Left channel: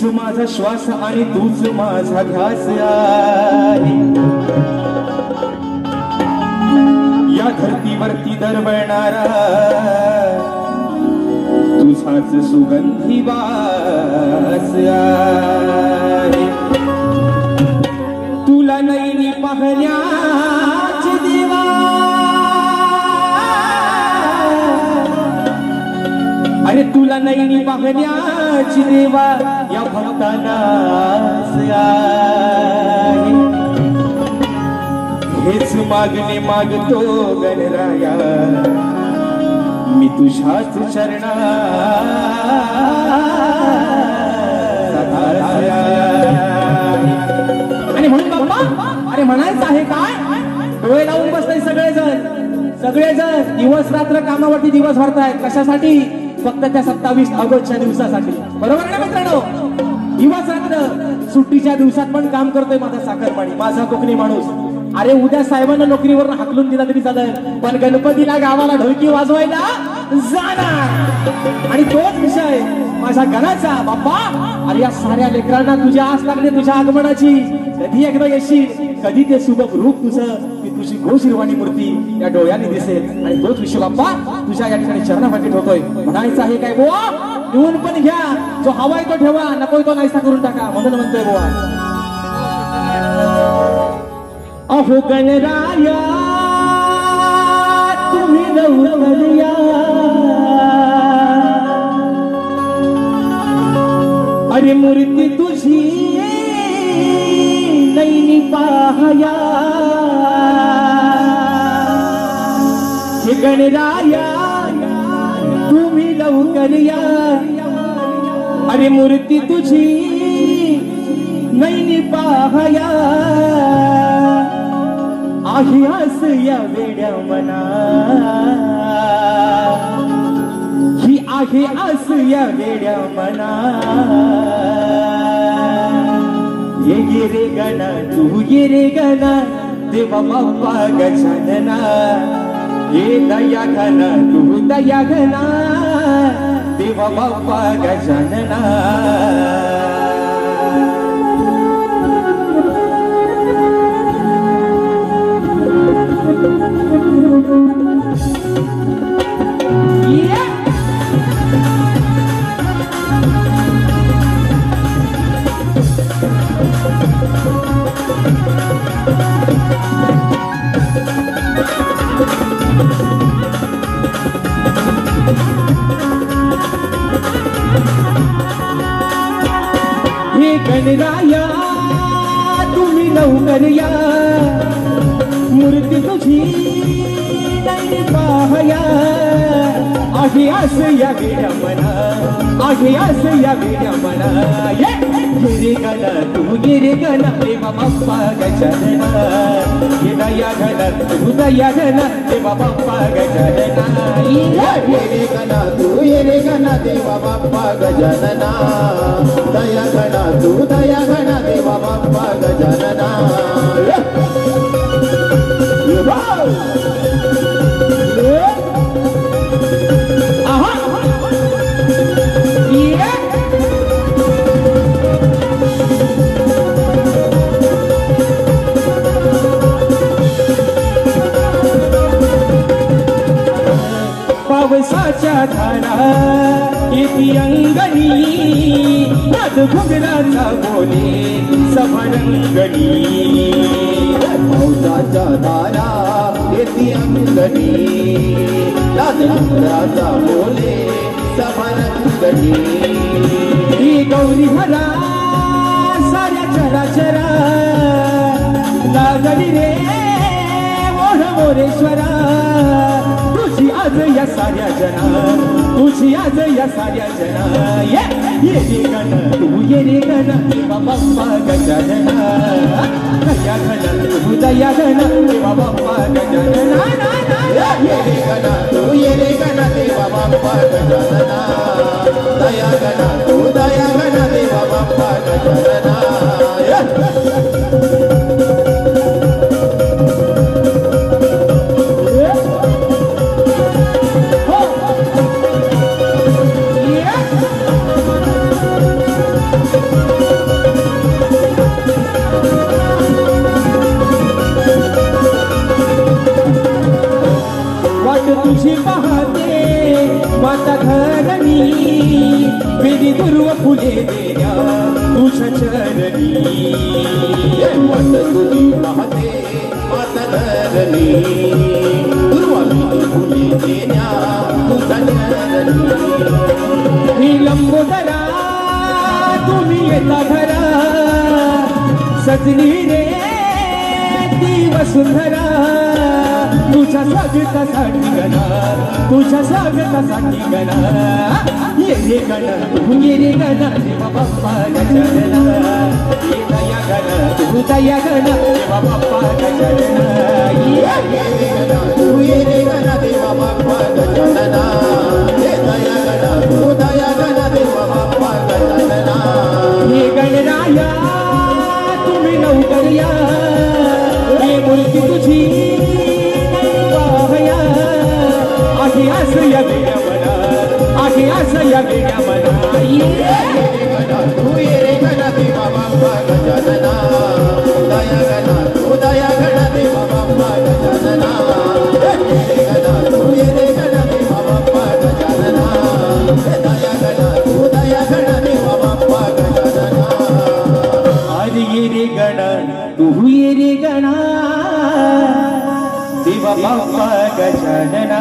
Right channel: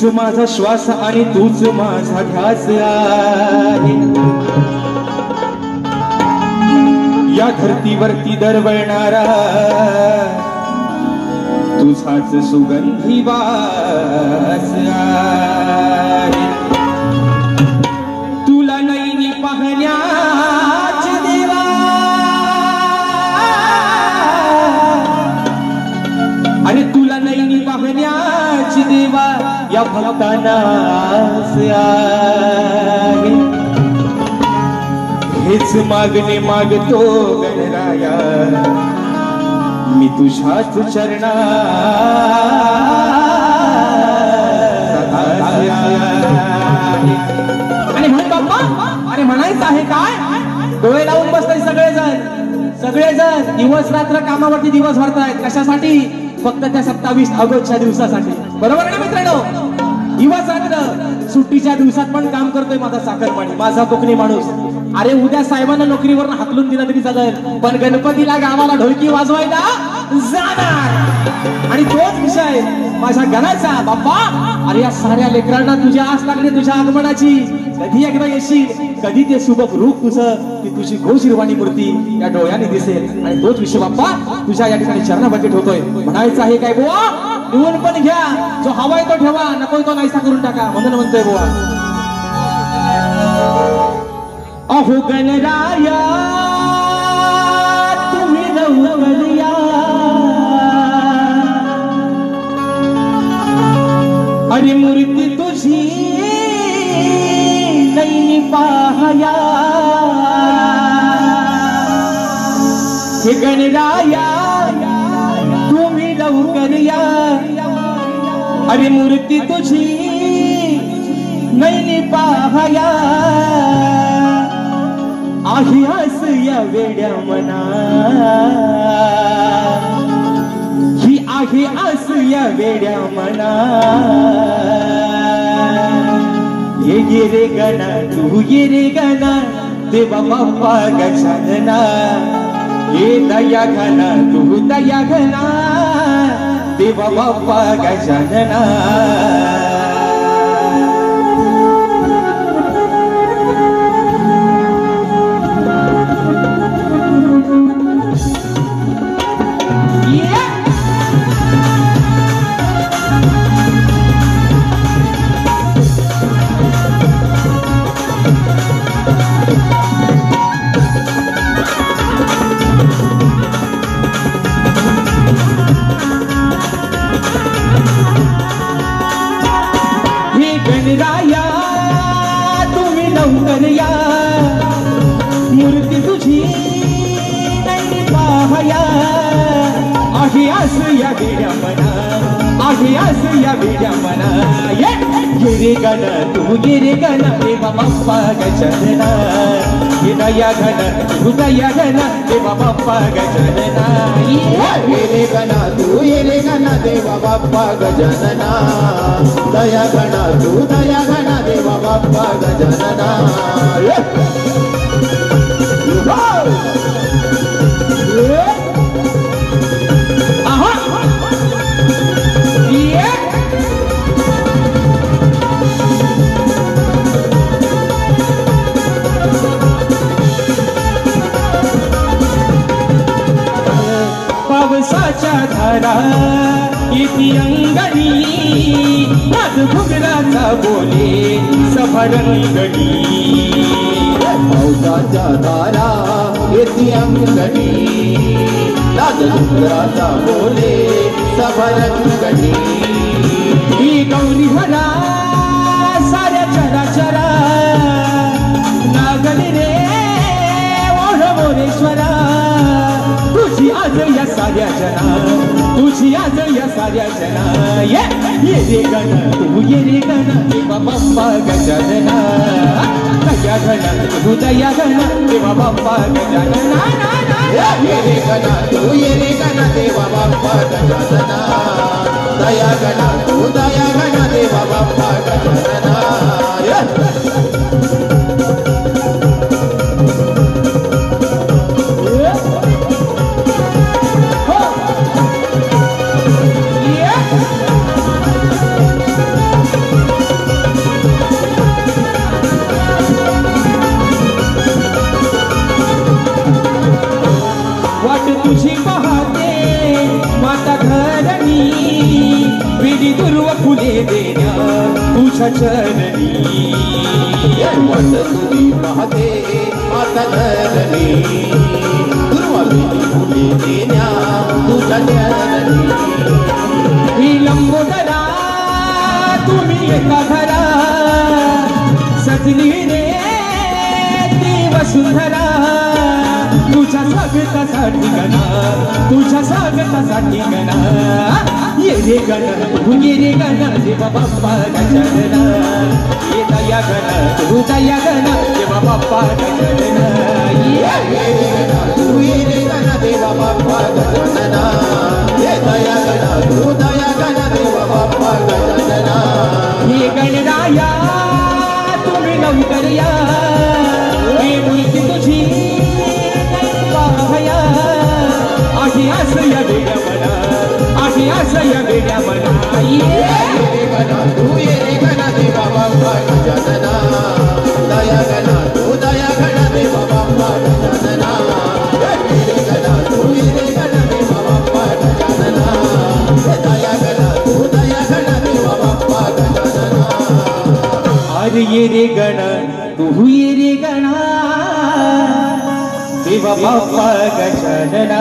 तूच माझा श्वास आणि तूच माझा ध्यास आहे। या धरतीवरती दरवळणारा तुझाच सुगंधी वास आहे। तुला नैनी पाहण्याच देवा अरे तुला नैनी पाहण्याच देवा या भक्तांना हेच मागणे मागतो गणराया मी तुझ्याच चरणात। आणि म्हणून बाप्पा अरे म्हणायचं आहे काय डोळे लावून बसताय सगळेजण दिवस रात्र कामावरती दिवस भरतायत कशासाठी फक्त त्या 27 ऑगस्टच्या दिवसासाठी बरोबर आहे मित्रांनो। दिवस रात्र सुट्टीच्या दिवसात पण काम करतोय माझा साखरपाणी माझा कोकणी माणूस। अरे उद्या साहेबांना नोकरीवर हाकलून दिला तरी चालेल पण गणपतीला गावाला ढोलकी वाजवायला जाणार। आणि तोच विषय माझ्या घराचा बाप्पा अरे या साऱ्या लेकरांना तुझी आस लागली तुझ्या आगमनाची कधी एकदा येशील कधी ते सुबक रूप तुझं की तुझी गोशिरवाणी मूर्ती या डोळ्याने दिसेल। आणि तोच विषय बाप्पा तुझ्या या ठिकाणी चरणामध्ये ठेवतोय म्हणायचं आहे काय बुवा लिहून पण घ्या जो हवाय तो ठेवा नको तो नाहीसा करून टाका म्हणून म्हणतोय बुवा। अहो गणराया तुम्ही लवकर या अरे मूर्ती तुझी नैनी पाहया हे गणराया तुम्ही लवकर या अरे मूर्ती तुझी नैनी पाहया आहे आस या वेड्या मना ही आहे आस या वेड्या मना ये गे गणा तू ये रे गणा देवा बाप्पा गजानना ये दया घना तू दया घना देवा बाप्पा गजानना। हे गणराया तुम्ही लवकर या मूर्ती तुझी नैनी पाहया आहे आस या वेड्या मना आहे आस या वेड्या मना ये रे गणा तू ये रे गणा देवा बाप्पा गजानना ये दया घना तू दया घना देवा बाप्पा गजानना ये रे गणा तू ये रे गणा देवा बाप्पा गजानना दया घना तू दया घना देवा बाप्पा गजानना। पावसाच्या धारा येती अंगणी नाद घुगराचा बोले सफरंगणी पावसाच्या धारा येती अंगणी नाद घुगराचा बोले सफरंगणी ही गौरी हरा साऱ्या चरा चरा लागली रे ओढ मोरेश्वरा तुझी आज या साऱ्या जना तुझी आज या साऱ्या जना ये रे गणा तू ये रे गणा देवा बाप्पा गजानना दया घना तू दया घना देवा बाप्पा गजानना ये रे गणा तू ये रे गणा देवा बाप्पा गजानना दया घना तू दया घना देवा बाप्पा गजानना। पाहते माता घरणी विधी दुर्व फुले देण्या तुझ्या चरणी पाहते माता धरणी दुर्वा विधी फुले देण्या तुझ्या चरणी ही लंबोदरा तुम्ही येता घरा सजली रे ती वसुंधरा तुझ्या स्वागतासाठी गणा तुझ्या स्वागतासाठी गणा ये रे गणा तू ये रे गणा देवा बाप्पा गजानना ये दया गणा तू दया गणा देवा बाप्पा गजानना ये गणा तू ये रे गणा देवा बाप्पा गजानना ये दया गणा तू दया गणा देवा बाप्पा गजानना हे गणराया तुम्ही नवकरिया हे मूर्ती तुझी पाहया आधी आश्रय वेड्या मना आधी आश्रय वेड्या मना ये गणा तू ये रे गणा देवा बाप्पा गजानना दया गणा तू दया गणा देवा बाप्पा गजानना गणा तू ये रे गणा देवा बाप्पा गजानना दया गणा तू दया गणा देवा बाप्पा गजानना अरे ये रे गणा तू ये रे गणा देवा बाप्पा गजानना